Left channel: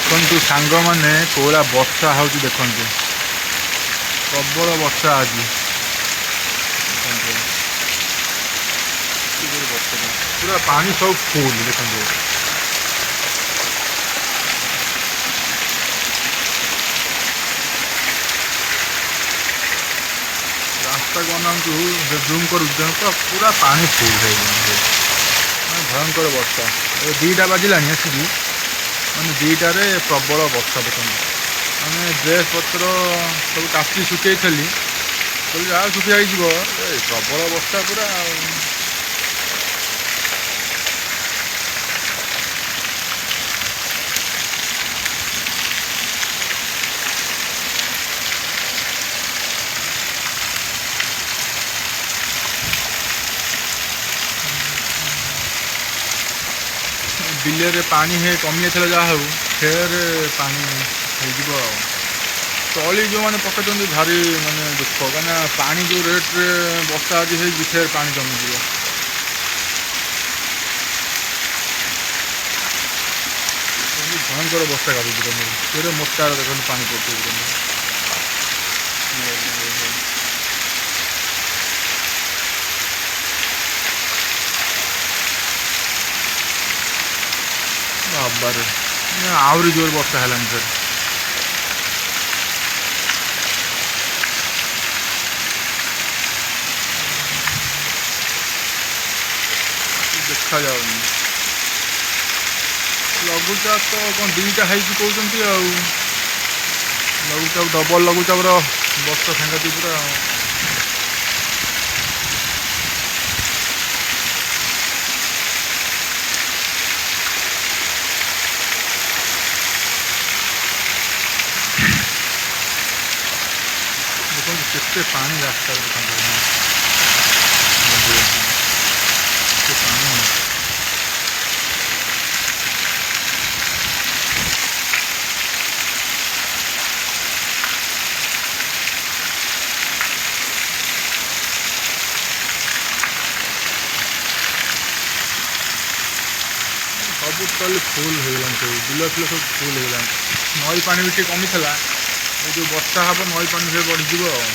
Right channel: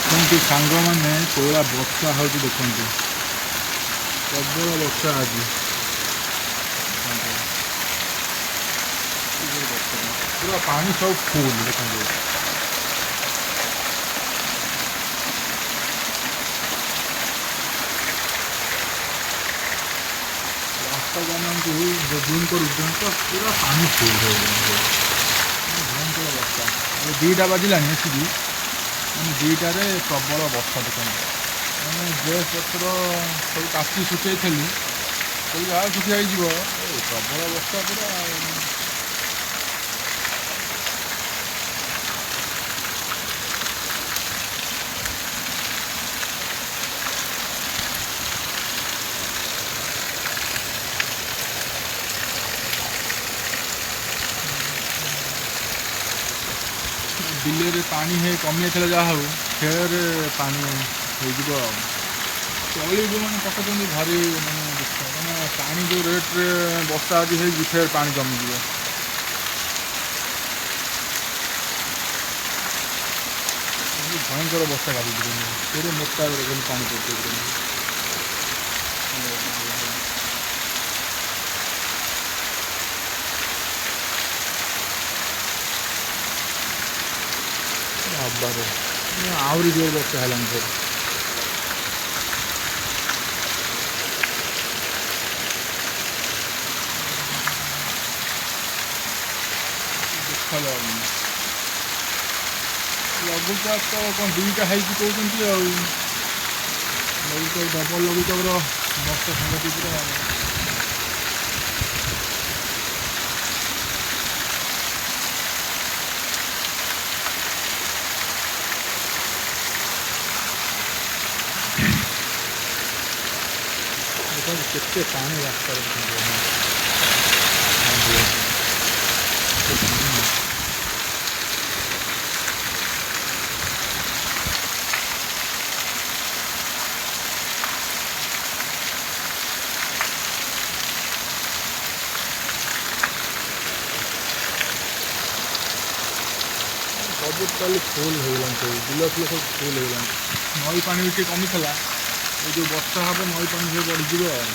ଦେଖନ୍ତୁ ସାଙ୍ଗମାନେ କୋଉଭଳିଆ ବର୍ଷା ହେଉଛି ଦେଖନ୍ତୁ, ପ୍ରବଳ ବର୍ଷା ଆଜି। ଦେଖନ୍ତୁ ବର୍ଷା ପୁରା ପାଣି ସବୁ ଫୁଲ ଦେଖନ୍ତୁ। ରାସ୍ତାକୁ ଅନାନ୍ତୁ, ଜୁମ୍ କରୁଛି ପୁରା ପାଣି ଫୁଲ ହେଇଗଲାଣି, ମାନେ ଭୟଙ୍କର ବର୍ଷା। ଏବେ 2ଟା ବାଜିଲାଣି ଆସିକି, ମାନେ 2ଟାରେ ପ୍ରବଳ ବର୍ଷା ଦେଖନ୍ତୁ। ମାନେ ଡ୍ରେସ୍ ପତ୍ର ସବୁ କାଚି ଶୁଖେଇଥିଲି, କହିଲି ଯାହା ଶୁଖି ହେଇଯିବ, ପ୍ରବଳ ବର୍ଷା ପୁରା ଆଉ। ବିଲରେ ପାଣି କମି ଯାଇଥିଲା, ଯାହା ହଉ ଫେର ପାଣି ହେଇଯିବ ଆଉ। ତଳି ଯେଉଁମାନେ ପକାଇଛନ୍ତି ଭାରି ମାନେ ଦୁଃଖ, କାହିଁକିନା ପାଣି ଯେଉଁ ରେଟ୍ରେ ବର୍ଷା ଆଜି ହେଇଛି, ଫେର ପାଣି ଜମିଯିବ। ଭୟଙ୍କର ବର୍ଷା କାଟୁଛି, କେଡ଼େ ମୋଟାରେ ଦେଖନ୍ତୁ ପାଣି ପଡ଼ୁଛି। ବାବାରେ ଆହୁରି ଜୋର ବର୍ଷା ହେଲାଣି ଫେର। ଦେଖାଯାଉନି। ଲଘୁଚାପ ତ କ'ଣ 2ଟା ହେଇଛି କହୁଛନ୍ତି ଆଉ। ଲଘୁଚାପ ଡବଲ ଲଘୁଚାପର ବର୍ଷା ସାଂଘାତିକ ପୁରା ଆଉ। ଦେଖନ୍ତୁ କେତେ ପାଣି ରାସ୍ତାରେ, ଦେଖନ୍ତୁ କେତେ ପାଣି। ସବୁ ଟୋଟାଲି ଫୁଲ ହେଇଗଲାଣି, ସବୁ ବିଲ ଫିଲ ସବୁ ଫୁଲ ହେଇଗଲାଣି। ନଈ ପାଣି ବି ଟିକେ କମିଥିଲା, ଏ ଯେଉଁ ବର୍ଷା ହେବ ନଈ ପାଣି ଫେର ବଢ଼ିଯିବ ଆଉ।